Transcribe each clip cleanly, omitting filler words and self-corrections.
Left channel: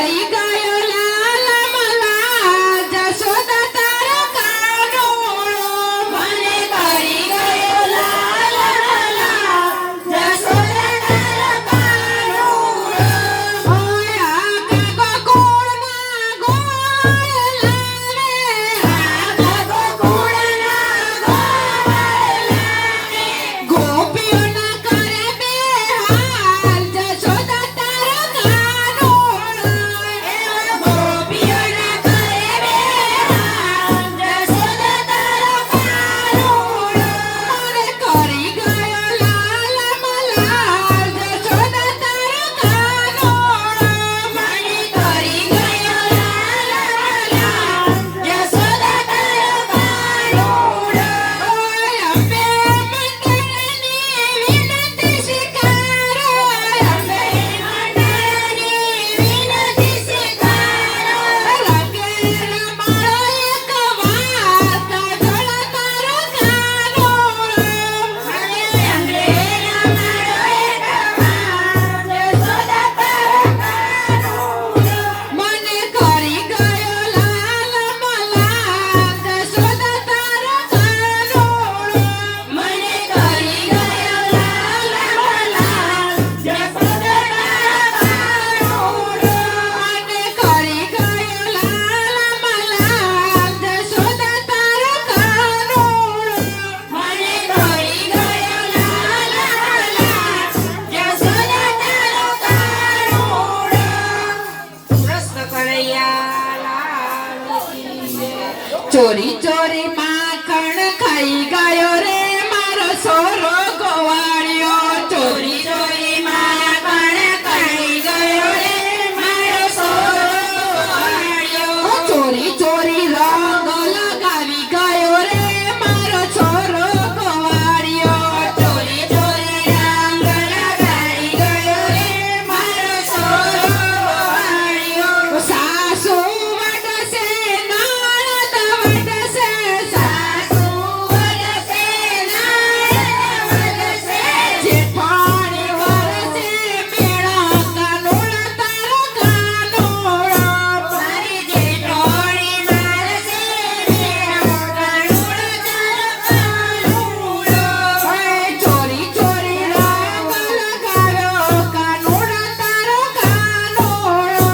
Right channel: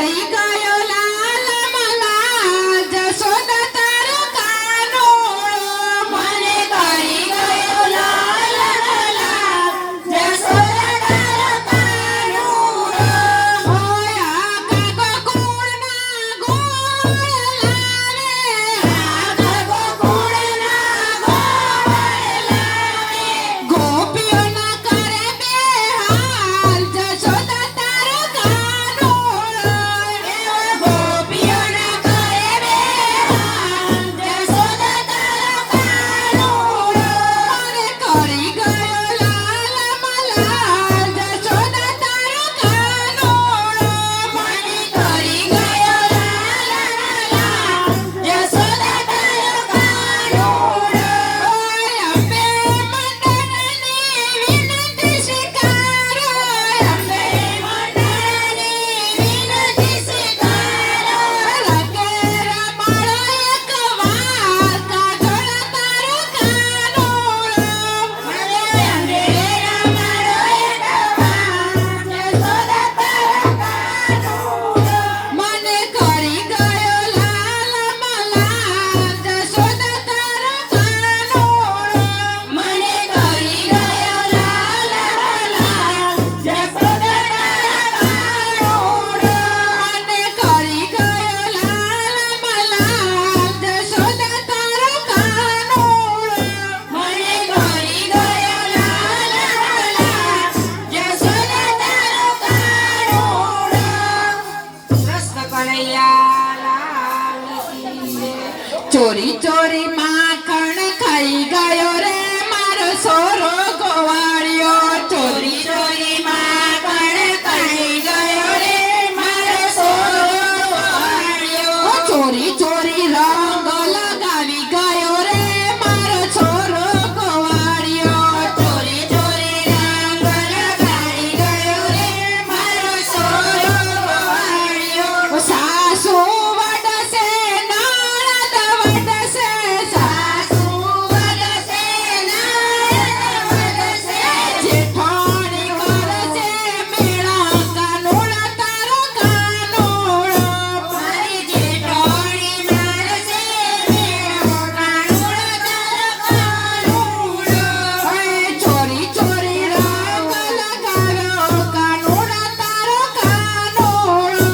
કરી ગયો લાલ મલા જશોદા તારો કાનોળો મને કરી ગયો લાલ મલા જશોદા તારો કાનોળો ઓય આ કાકો ગોળના ગોળ લાવે આ કાકો ગોળના ગોળ લાવે ગોપીઓના કરે બેહાલ જશોદા તારો કાનોળો ગોપીઓના કરે બેહાલ જશોદા તારો કાનોળો મને કરી ગયો લાલ મલાલ જશોદા તારો કાનોળો મને કરી ગયો લાલ મલાલ જશોદા તારો કાનોળો ઓય અંબે મંડળની વિનંતી સ્વીકારો અંબે મંડળની વિનંતી સ્વીકારો રંગે રમાડો એક વાર કાજોળ તારો કાનોળો મને રંગે રમાડો એક વાર જશોદા તારો કાનોળો મને કરી ગયો લાલ મલાલ જશોદા તારો કાનોળો મને કરી ગયો લાલ મલાલ જશોદા તારો કાનોળો મને કરી ગયો લાલ મલાલ જશોદા તારો કાનોળો મને કરી ગયો લાલ મલાલ જશોદા તારો કાનોળો કૃષ્ણ કનૈયા લાલ કી જય. ચોરી ચોરી માખણ ખાઈ ગયો રે મારો સોરો ગોવાળિયો ચોરી ચોરી માખણ ખાઈ ગયો રે મારો સોરો ગોવાળિયો ચોરી ચોરી રંગ લગાવી ગયો રે મારો છોરો ગોવાળિયો ચોરી ચોરી રંગ લગાવી ગયો રે મારો છોરો ગોવાળિયો સાસુ વડસે નણંદ વડસે સાસુ વડસે નણંદ વડસે જેઠાણી વરસે મેળા કાનોળા તારો કાનોળો મારી જેઠાણી વરસે મેળા કાનોળા તારો કાનોળો ઓય ચોરી ચોરી રંગ લગાવ્યો કાનોળા તારો કાનોળો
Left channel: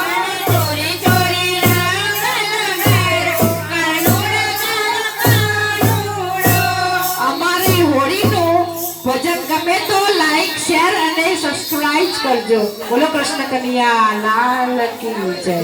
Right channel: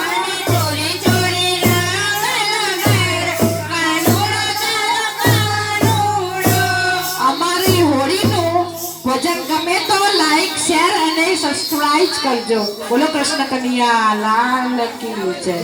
મને ચોરી ચોરી રંગ લગાવ્યો કાનોળા તારો કાનોળો અમારી હોળીનું ભજન ગમે તો લાઈક શેર અને સબસ્ક્રાઇબ કરજો. બોલો કૃષ્ણ કનૈયા લાલ કી જય.